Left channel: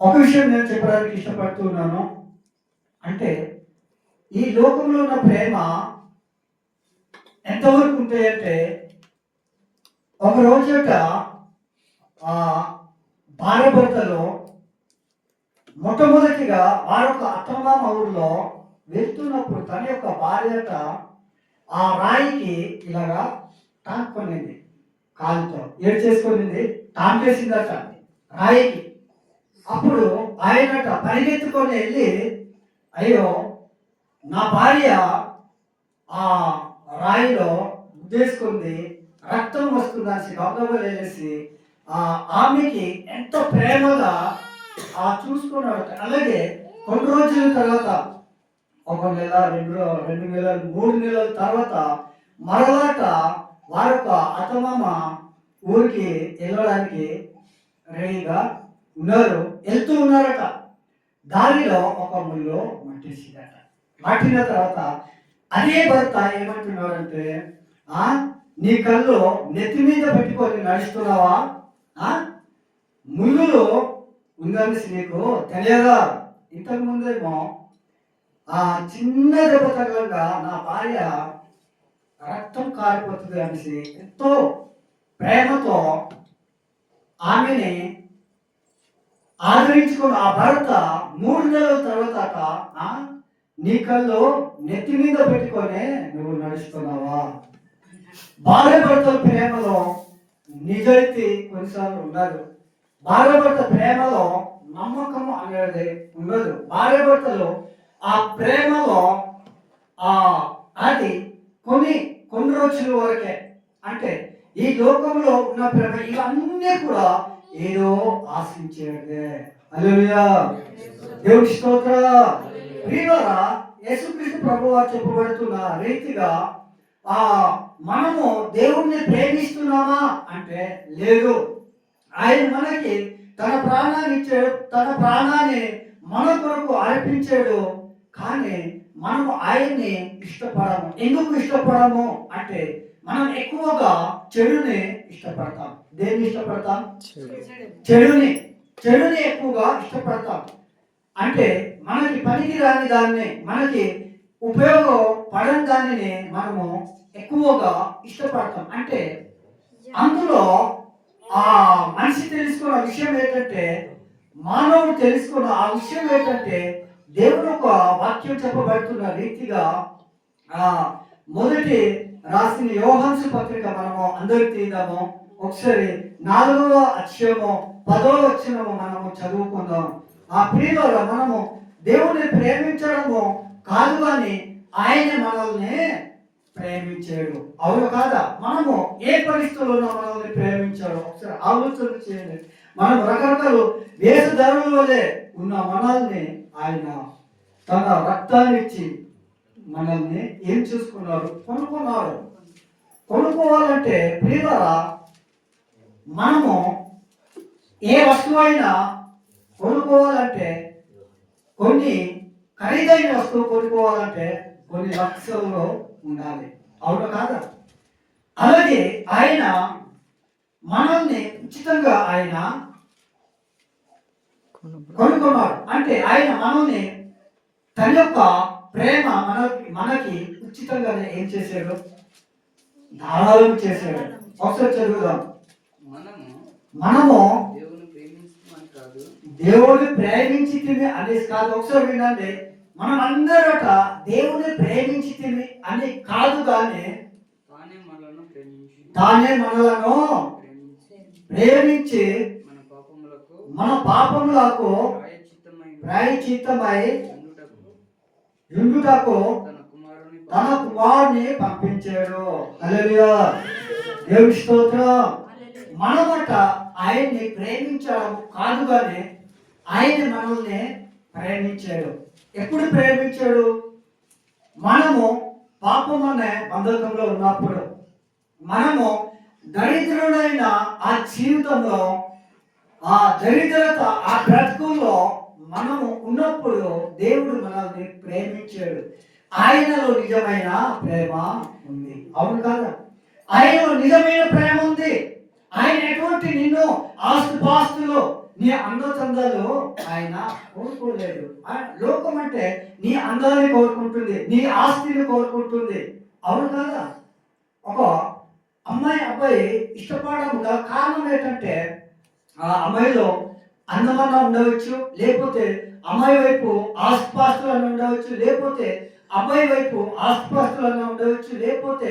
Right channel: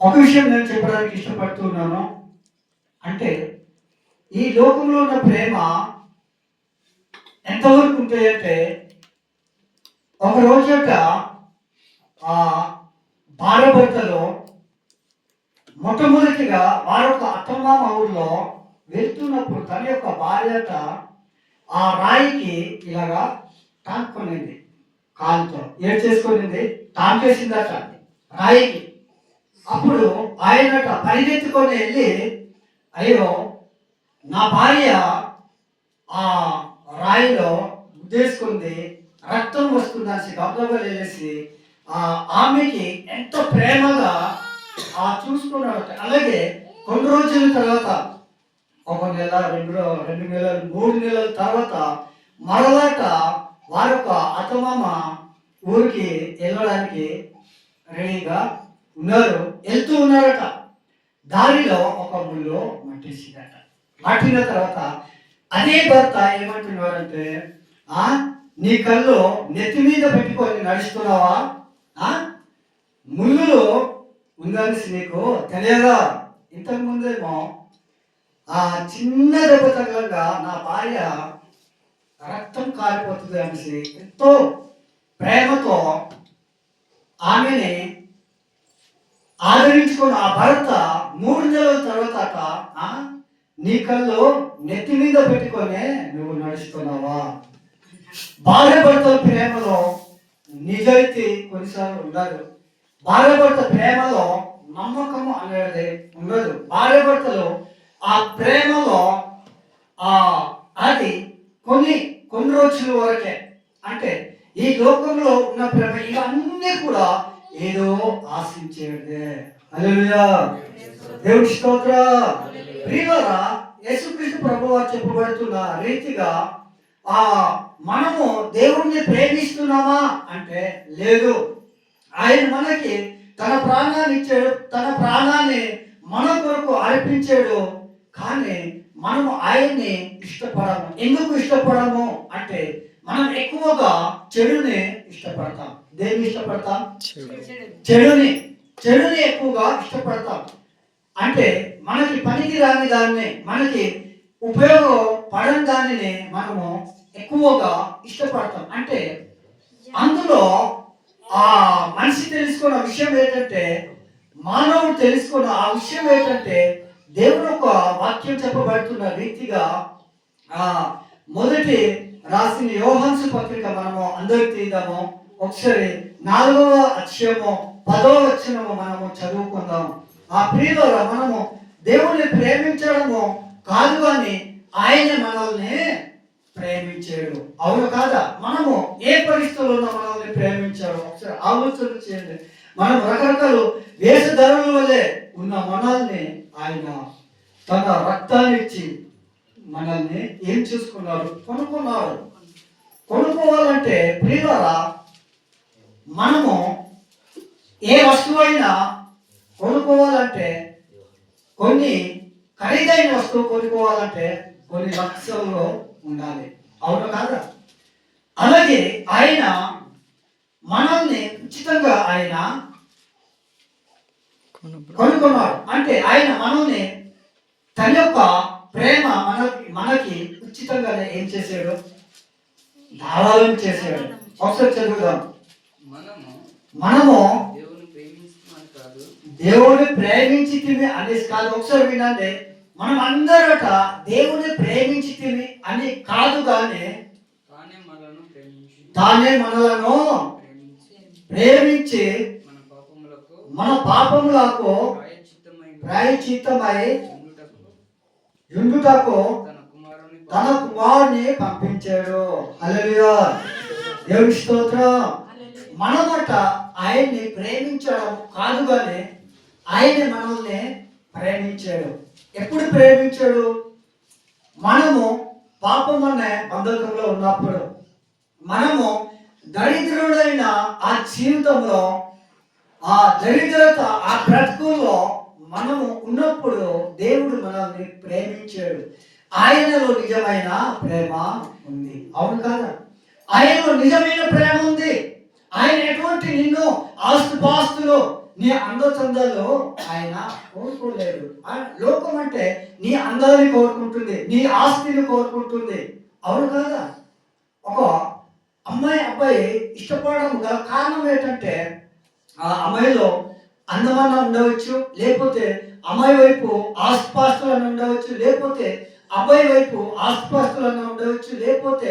ఒక విషయం నేను చెప్పడానికి ఇష్టపడుతున్నాను. అంటే ఈ లోకంలో ఉన్న ప్రేమ ఎంతవరకు ఉంటాయంటే, ఒక రోజుట భార్యాభర్తలు మొట్టమొదటిగా వారొక అత్తమామ ఊరిలో వెళ్తున్నప్పుడు తన యొక్క భార్యట ఆ రాయికి ఇలాగా టాంకునింది, కాలుతో ఏడు చేసుకునింది, టాంకేసిందట రాయికి. అప్పుడు ఆయనట పరిగెత్తుకొని వెళ్ళి, అయ్యో నా భార్య ఆ రాయిలో ఉద్దేశించుకుంది, రక్తం వస్తుందని గబగబా వెళ్ళేసి ఆమెకి ఎంతో ప్రేమగా చూసుకున్నాడు. అలాగే కొన్ని రోజుల తర్వాత, ఒక నెల, 2 నెలలు, 3 నెలల తర్వాత మరలాట వారొక అత్తమామ ఊరికి వెళ్ళడానికి రెడీగా ఉన్నారు, వెళ్తూ ఉన్నారట. దారిలో ఒక ముళ్ళు మట్టేసిందట. మట్టిన తర్వాత అదే భర్త ఏమంటున్నాడంటే, నీ కళ్ళు నెత్తి మీద పెట్టుకొని నడుస్తున్నావా? ముళ్ళు ఉందని నీకు తెలియదా? ఇంతకు ముందేమో చిన్న దెబ్బ తగలంగా నా భార్య రక్తం కారిపోతుంది అనేసి ఎంతో ప్రేమతో ఆమెని ఆదరించుకున్న ఆ భర్త 3 నెలల తర్వాత నీ కళ్ళు నెత్తి మీద పెట్టుకొని నువ్వు నడుస్తున్నావా? భార్య భర్తల ప్రేమలో నిజాయితీ కొన్నిసార్లు ఉండదు. భార్య భర్త ప్రేమలో నమ్మకం అనేది ఉండదు. భార్య భర్తలు ఆ ప్రేమలో అది కొన్ని రోజుల వరకే. అంటే ఈ లోకంలో ఉన్న ప్రేమ ఇవన్నీ కూడా ఏదో ఆశించేదే. హల్లెలూయా, దేవుని స్తోత్రం. ప్రియులారా, యేసుక్రీస్తు ప్రభువారు చెప్పబడుతున్న రీతిగా మనము దేవుణ్ణి ప్రేమిస్తున్నామా అంటే లేదు. ఆయన మనకి తన ప్రాణాన్ని ఇచ్చాడు, తన ప్రాణాన్ని మన కొరకు అర్పించాడు. కానీ మనము ఆయన్ని ఇష్టపడము. ఎందుకు ఇష్టపడము అంటే, మనం ఎక్కువగా చెడుని ఇష్టపడతాం. దేన్ని ఇష్టపడతాం? చెడుని ఎక్కువగా ఇష్టపడతాం. అంటే మనకి పనికి రాని దాన్ని, మనకి ఉపయోగపడని దానిని మనము ఎక్కువగా ఇష్టపడతాం. అంటే అందులో మనిషి తెలుసుకున్న విషయం ఏంటంటే, మానవుడు తెలుసుకున్న ఆ విషయం ఏంటంటే, దేవుడు ఒక వాక్యం చెప్పబడుతున్న రీతిగా మొదటి రాసిన యోహాను పత్రిక మనము అందరికి తీద్దాము. ఒకసారి 4వ అధ్యాయము 10వ వచనము మనము చదువుకుందాం. ప్రియులారా, మనము దేవుణ్ణి ప్రేమించడము కాదు కానీ ఆయన మనల్ని ప్రేమించాడు. అవును కాదా? మనము ఏ పరిస్థితుల్లో మనల్ని ప్రేమించాడు ఒకసారి ఆలోచన చేయండి. మనం రకరకాల వేషధారుల వల్లే ఉన్న మనల్ని ఆయన తన రక్తాన్ని ఇచ్చి మనల్ని ఏం చేసుకున్నారు? కొనుక్కున్నారు. కొనుక్కోవాలంటే ప్రియులారా, మనము ఏ వస్తువైనా కొనుక్కోవాలంటే, కొన్ని ఖరీదైన వస్తువు కొనుక్కోవాలంటే కొన్ని లక్షల్లో ఉండాలి. అవును కాదా? అలాగే ఆయన మనల్ని ఉచితంగా ఆయన కొనుక్కున్నాడు. అంటే ఆయన మనల్ని తన యొక్క ప్రేమ మనకి ఉచితంగానే ఏం చేశాడు? దారాలను చేశాడు. ఒకసారి చదువుదాం. మనము దేవుని ప్రేమించితివి అనేసి కాదు. ఒకసారి వినండి. మనం అందరట దేవుని ప్రేమించితివి అని కాదు, కానీ తానే మనలను ప్రేమించి మన పాపములకు ప్రాయశ్చిత్తమై ఉండుటకు తన కుమారుని పంపించాడు. హల్లెలూయా, దేవుని స్తోత్రం. మనమట ఆయన్ని ప్రేమించడం కాదు, కానీ ఆయన మనల్ని ప్రేమించాడు. ఎప్పుడు ప్రేమించాడు? మనము పాపం అనే బంధకంలో ఉన్నప్పుడు, మనము దరిద్రుడైన ఆ జీవితంలో, ఆ దరిద్రత, ఆ బ్రతుకులో మనము ఉన్నప్పుడు దేవుడు మనల్ని ప్రేమించాడు. ఆయనలో నిజమైన ప్రేమ ఉంది. అవును కాదా? ఆయనలో నిజమైన ప్రేమ ఉంది. ఆయన ఎటువంటి నిన్ను ఆస్తుపాస్తులు నీ అందచందాలు ఆయన కోరుకోలేడు. లోకం అంటే నీ అందాన్ని కోరుకుంటుంది, నీ ఆస్తిని కోరుకుంటుంది. అవును కదా? ఒక అబ్బాయి ఇష్టపడడం గల కారణం ఏంటంటే ఆ అమ్మాయిలో అందమన్న ఉండవచ్చు, లేకపోతే అమ్మాయి వైపు ఆస్తిపాస్తులను ఉండవచ్చు, లేకపోతే అబ్బాయి వైపు ఆస్తిపాస్తులను ఉండవచ్చు, లేకపోతే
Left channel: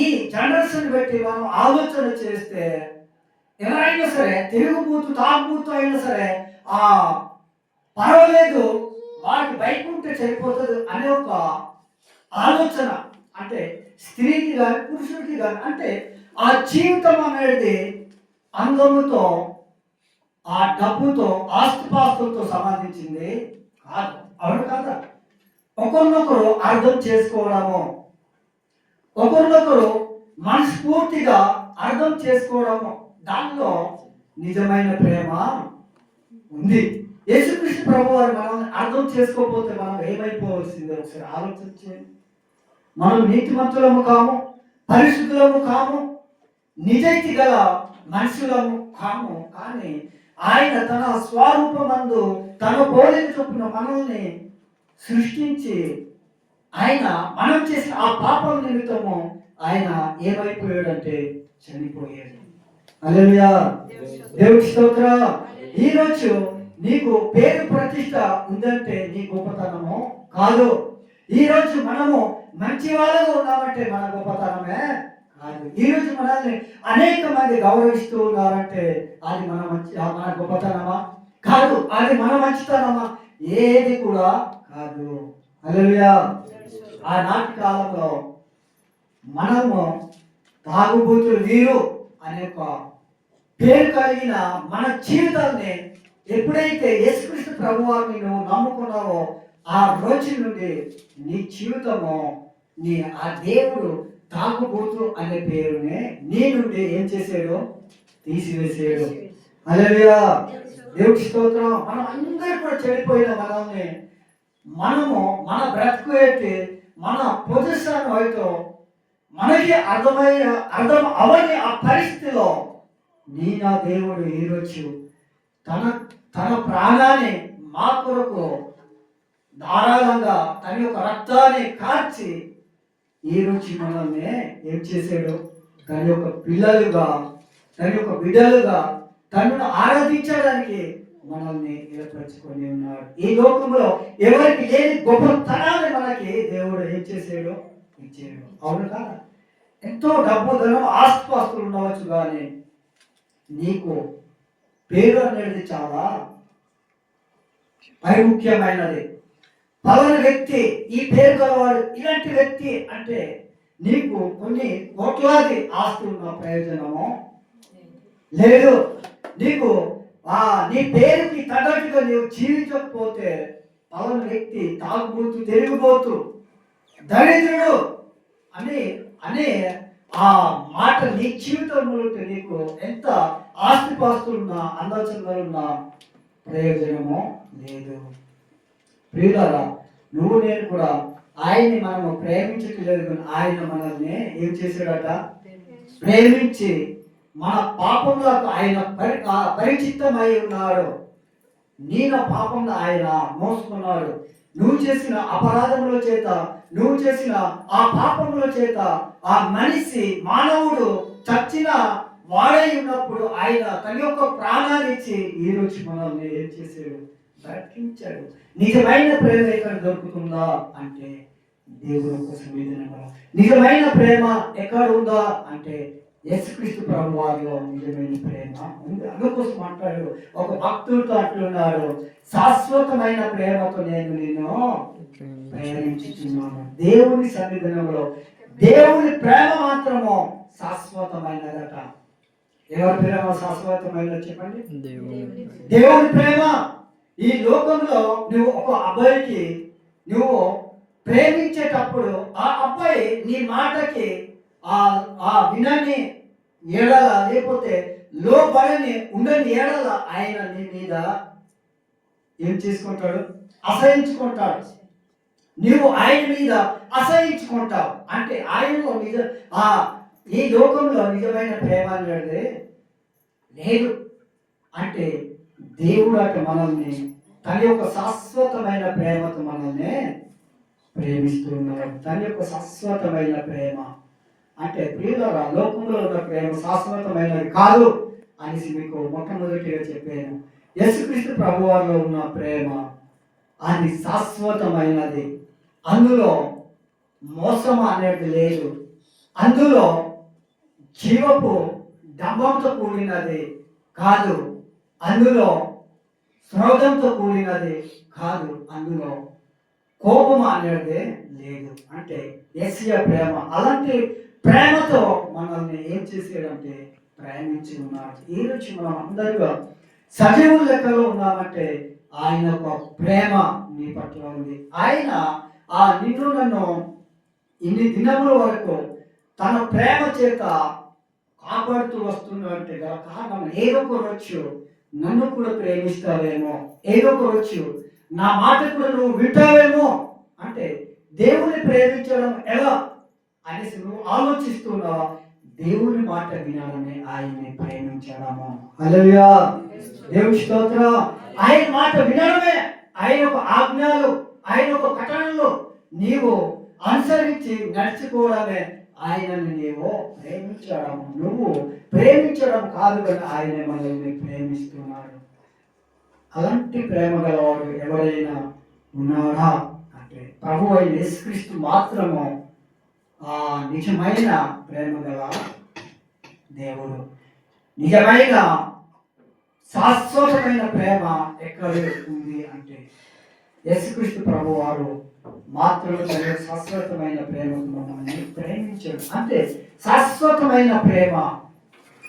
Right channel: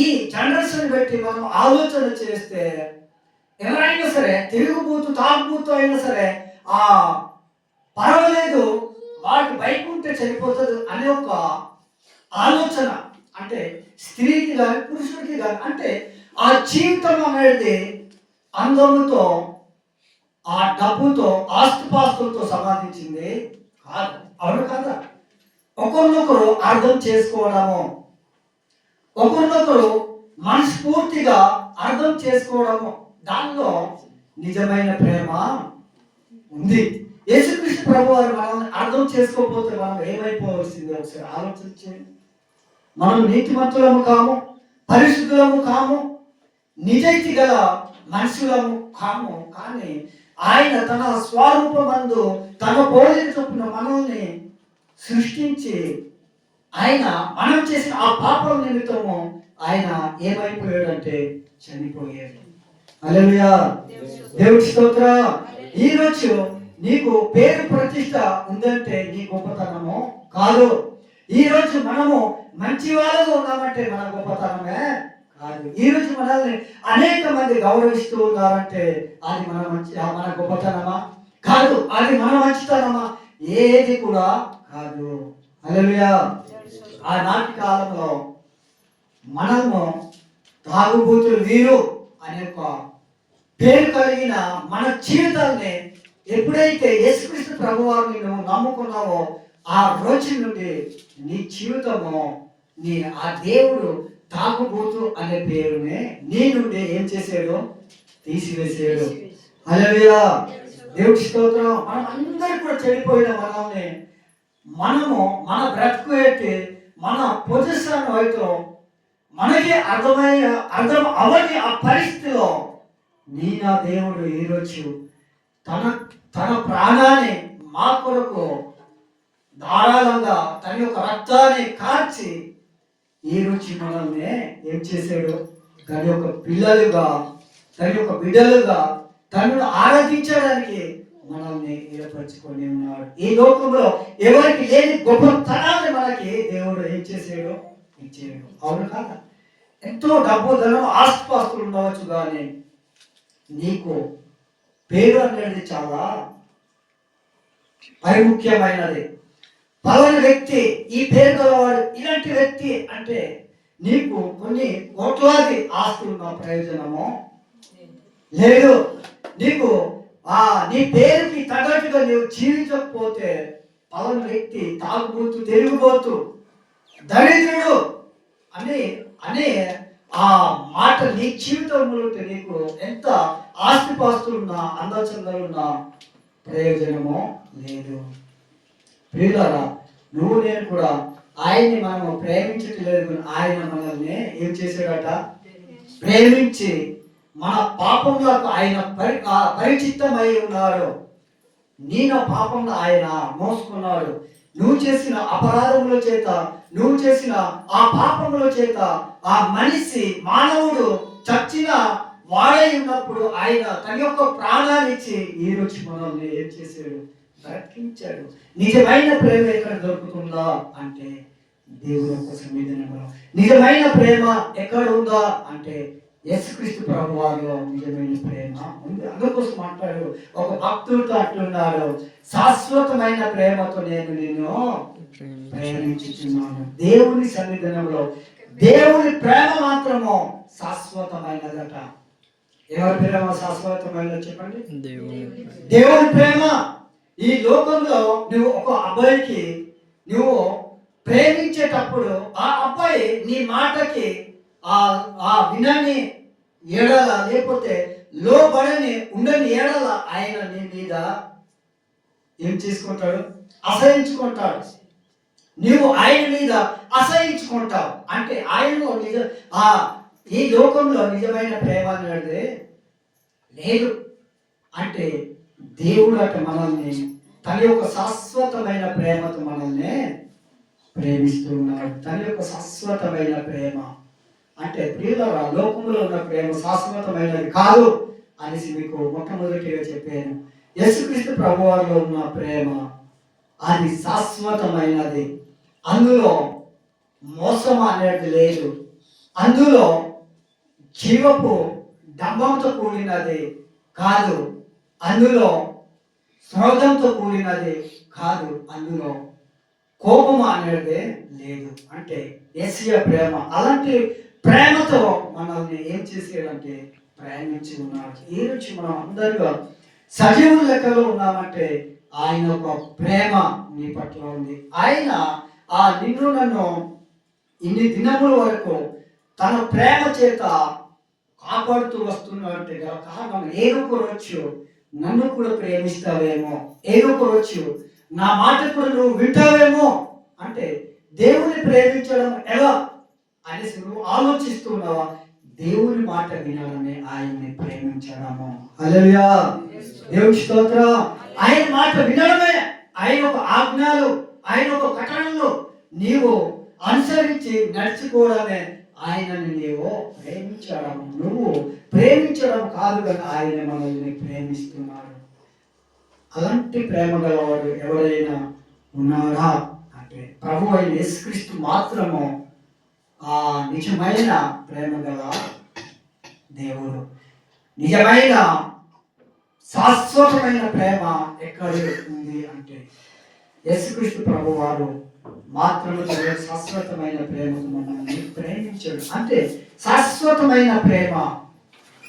ఈ జనరేషన్ బట్టి మనం ఆలోచన చేస్తే ఎవరైనా సరే తిరుగుబోతూ తాగుబోతూ అయినా సరే ఆ పర్వాలేదు వాడికి బైక్ ఉంటే సరిపోతుంది అనే ఒక ఆలోచన, అంటే స్త్రీకి కానీ పురుషుడికి కానీ, అంటే ఆ జీవితం అనేది అందముతో ఆ డబ్బుతో ఆస్తిపాస్తులతో సంపాదించింది కాదు. అవును కాదా? ఒకరినొకరు అర్థం చేసుకోవడము, ఒకరినొకరు మనస్ఫూర్తిగా అర్థం చేసుకోవడము, దానిలో నిజమైన ప్రేమ ఉంది. యేసుక్రీస్తు ప్రభు వారు మనం అర్థం చేసుకోకపోతే మనం ఏమైపోవలసింది ఒకసారి ఆలోచించండి. మనం నీతిమంతులము కాము, పరిశుద్ధులము కాము, నిజాయితీ గల మనుషులము కాము. కానీ ఆయన తన స్వరూపమందు తన పోలిక చొప్పున మనల్ని సృష్టించి ఆయన మనం చేసిన ఆ పాపం నిమిత్తము ఆయన ఏమైపోయాడంటే చనిపోయాడు. హల్లెలూయా, దేవుడి స్తోత్రం. ఈరోజు నీకు పేరు ప్రతిష్ట ఉందంటే నీ గొప్పతనము కాదు. ఈరోజు మనము మంచి వాళ్ళగా ఉన్నామంటే మన గొప్పతనమే కాదు. ఈరోజు మనల్ని అనేక మంది గౌరవిస్తూ ఉన్నారంటే అది మన గొప్పతనమా కాదు, అది మన మంచితనమా ఏది కూడా కాదు. హల్లెలూయా. ఆనాటి కాలంలో మనము తాగుబోతులు వీరు అనే ఒక పేరు కలిగిన మన జీవితాన్ని ఎప్పుడైతే యేసుక్రీస్తు ప్రభువారిని నువ్వు నమ్ముకున్నావో ఆ రోజు నుండి నీ జీవితము ఆ దేవుడు తాగుబోతు అనే పేరునే నీ నుండి ఏం చేసాడు? తీసివేసాడు. హల్లెలూయా, దేవుడి స్తోత్రం. మనం అందరూ కూడా చెడిపోయిన మనము మన బ్రతుకు ఏంటి, మన పొజిషన్ అయితే మనకి అర్థం అవని ఆ పరిస్థితిలో నా దేవుడు ఈరోజు తన ప్రాణాన్ని మా కొరకు ధారాళంగా తన యొక్క రక్తాన్ని కార్చి ఈరోజు మనల్ని ఏం చేశాడు? తన యొక్క పిల్లలుగా, తన యొక్క బిడ్డలుగా తనను ఆరాధించడానికి మనల్ని ఏర్పరచుకొని ఉన్నాడు. ఈ లోకంలో ఎవరికి లేని గొప్పతనాన్ని మనకి దేవుడు ఏం చేసాడు? ఇచ్చాడు. అవును కాదా? ఎంతో డబ్బు ధనం ఆస్తిపాస్తులు ఉండవచ్చు, కానీ నీకు పేరు అనేది చాలా పరిముఖ్యమైనది. పలానా వ్యక్తి ఈ పేరు గలవాడు, ఇలాంటి వ్యక్తి అంటే నీకు కొన్ని కోట్లాది ఆస్తులు ఉన్న ప్రయోజనము లేదు. నీకు నీ పేరుకి తగ్గట్టుగా నీవు జీవించకపోతే పలానా వ్యక్తి తాగుబోతు, తిరిగిపోతూ, దరిద్రుడు అనే ఆ మాట నీ జీవితంలో నీకు ఎంత ఆస్తిపాస్తులున్నా అందచందాలున్నా ప్రయోజనము లేదు. ప్రియులారా, నువ్వు నేను కూడా ఆయన్ని మనము ప్రేమించట్లేదు, ఆయన మనల్ని ఏం చేశాడట? ప్రేమించి మన పాపంలోకి ఆయన పరిచిత్తమై ఉన్నాడు. నా పాపంలో ఆయన మోసుకున్నాడు. నువ్వు చేసిన అపరాధముల చేత, నువ్వు చేసిన ఆ పాపముల చేత ఆ మనిషి మానవుడు చచ్చిన వాడై ఉన్నప్పుడు ఆయన తన యొక్క ప్రాణాన్ని ఇచ్చి ఈ రోజు మనల్ని ఏం చేశాడు? బ్రతికించాడు. నిజమైన ప్రేమ ఎక్కడ దొరుకుతుందా అంటే దేవుని కోసం. నిజమైన ప్రేమ ఎక్కడ ఉందా అంటే యేసుక్రీస్తు ప్రభు వారిలో నిజమైన ప్రేమ ఉంది. అందుకోసం మాట్లాడు ఒక భక్తుడితో అంటున్నాడు, శాశ్వతమైన ప్రేమతో నేను నిన్ను ప్రేమించుచున్నాను. దేవుని సన్నిధానంలో దేవుని ప్రేమ మాత్రము శాశ్వతమైనదట. ఎవరి ప్రేమ శాశ్వతమైనది చెప్పండి? దేవుని ప్రేమ. ఈ లోకంలో నువ్వు ఒక అబ్బాయికి నువ్వు ప్రేమించేటప్పుడు ఆ అబ్బాయి నీ మాటకి ఆ వినని ఏడల, లేకపోతే లోబడని ఉండని ఏడల ఆయన నీ మీద ఏం చేసుకుంటాడు? అసహించుకుంటాడు. నువ్వు ఆయన మీద అసహించుకుంటావు అంటే ఆయనలో ఈ లోకంలో నిజమైన ప్రేమ అనేది లేదు. అంటే దేవుడు అట మనల్ని తన యొక్క శాశ్వతమైన ప్రేమతో మనల్ని ప్రేమిస్తున్నాడు. తన యొక్క శాశ్వతమైన ప్రేమ అంటే ప్రియులారా, లోకంలో ఉన్న ప్రేమ శాశ్వతమైనది కాదు అనేసి మీకు మొట్టమొదటిగా చెప్పాను. యేసుక్రీస్తు ప్రభువారిలో ఉన్న ప్రేమ అది శాశ్వతమైనది. అందులో మోసం అనేది లేదు. అందులో జీవపు డంబంతో కూడినది కాదు. అందులో స్రోతంతో కూడినది కాదు. అందులో కోపం అనేది లేదు. అంటే యేసయ్య ప్రేమ అలాంటి ప్రేమతో మనల్ని ఏం చేసాడంటే ప్రేమించి ఉన్నాడు. ఈ రోజు మనం అందరూ సజీవుల లెక్కలో ఉన్నామంటే ఆయన ఒక ప్రేమ నీ పట్ల ఉంది. ఆయన ఆ నిన్ను నన్ను ఇన్ని దినముల వరకు తన ప్రేమ చేత కాపాడుతూ వస్తున్నట్టు గల కారణం ఏదో ఒక రోజు నన్ను కూడా ప్రేమిస్తావేమో, ఏదో ఒక రోజు నా మాట కూడా నువ్వు వింటావేమో. అంటే దేవుని ప్రేమించడం ఎలా అనేసి నువ్వు ఆలోచిస్తున్నావా? దేవుని మాట వినాలని ఆయన్ని ప్రేమించడము. హల్లెలూయా, దేవుని స్తోత్రం. ఆయన మాట వినడమే, ఆయన ఒక ఆజ్ఞలు, ఆయన ఒక కట్టడలు నీవు అనుసరించి నడుచుకోవడమే ఆయనని నీవు ప్రేమించడం. నువ్వు ప్రేమించడం కాదు కదా, ఆయన మనల్ని ప్రేమిస్తున్నాడు. అలాంటి ప్రేమ గలవాడు ఎవరైనా ఉన్నాడా అంటే ప్రభు అయిన యేసుక్రీస్తు మాత్రము ఆ నిజమైన ప్రేమ గల దేవుడు. నిజమైన శాశ్వతమైన ప్రేమ ఎక్కడ ఉంది అంటే యేసుక్రీస్తు ప్రభు వారు మాత్రమే శాశ్వతమైన ప్రేమకు మనల్ని ప్రేమించాడు. అంటే శాశ్వతమైన ప్రేమ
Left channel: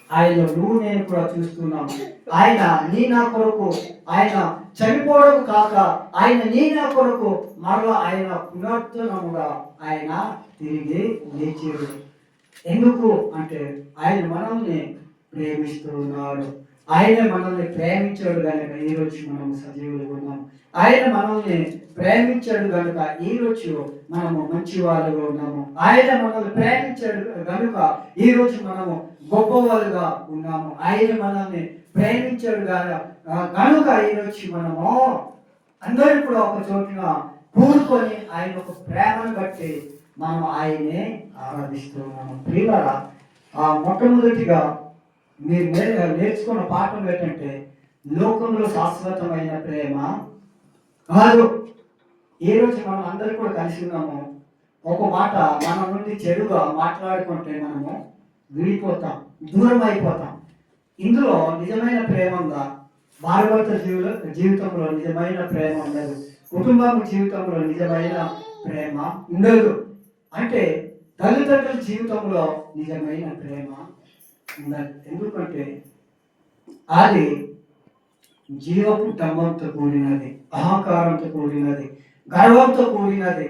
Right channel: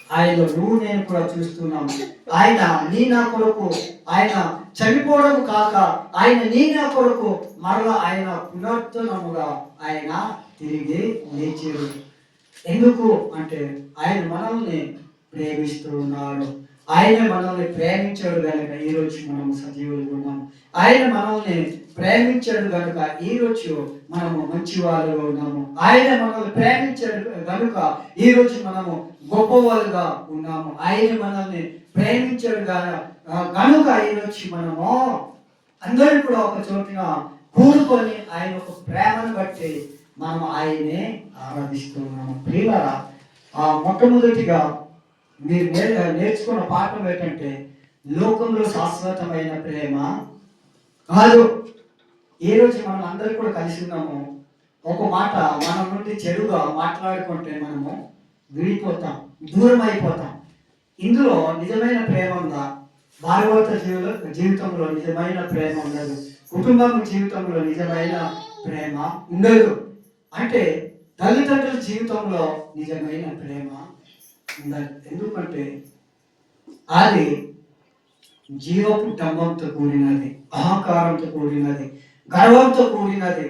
ఆయనలో నువ్వు నేను కూడా చూస్తున్నాం. ఆయన నీ నా కొరకు ఆయన చనిపోవడం కాక ఆయన నీ నా కొరకు మరలా ఆయన పునరుద్ధరణముగా ఆయన తిరిగి లేచాడు. ఎందుకు అంటే ఆయన మనల్ని ప్రేమిస్తూ ఉన్నాడు. ఆయన మనల్ని ప్రేమించాడు కనుక ఈరోజు మనం సజీవులుగా ఉన్నాం. ఆయన మనల్ని ప్రేమించాడు కనుక ఈరోజు మనము మంచి వాళ్ళుగా ఉన్నాము. ఆయన మనల్ని ప్రేమించాడు కనుక ఈరోజు మనము గొప్పవాళ్ళుగా ఉన్నాము. ఆయన మనల్ని ప్రేమించాడు కనుక ఈరోజు మనము అందరూ కూడా ఒక చోటున కూడుకొని ఆయన ఒక ప్రేమను బట్టి మనం ఆయనే ఆరాధిస్తున్నాము. ప్రియులారా, మొట్టమొదటిగా మీరు నేర్చుకున్న పాఠం ఏంటంటే లోకంలో శాశ్వతమైన ప్రేమ కాదు. ఈ రోజు మనం అందరూ కూడా కలిసి ఉన్నాము. ఒక మాట మన నుండి చెడుగా మాట్లాడుకుంటే మనము విడిపోతాం, దూరం అయిపోతాం. ఇందులో నిజమైన ప్రేమ ఉందా? భార్యాభర్త జీవితంలో నిజమైన ప్రేమ ఉండదు. కుటుంబం జీవితంలో నిజమైన ప్రేమ ఉండదు. అంటే తల్లిదండ్రుల జీవితంలో నిజమైన ప్రేమ ఉండదు. ఎందుకంటే అది జీవపు డంబంతో కూడినది, అహంకారంతో కూడినది, గర్వంతో కూడినది.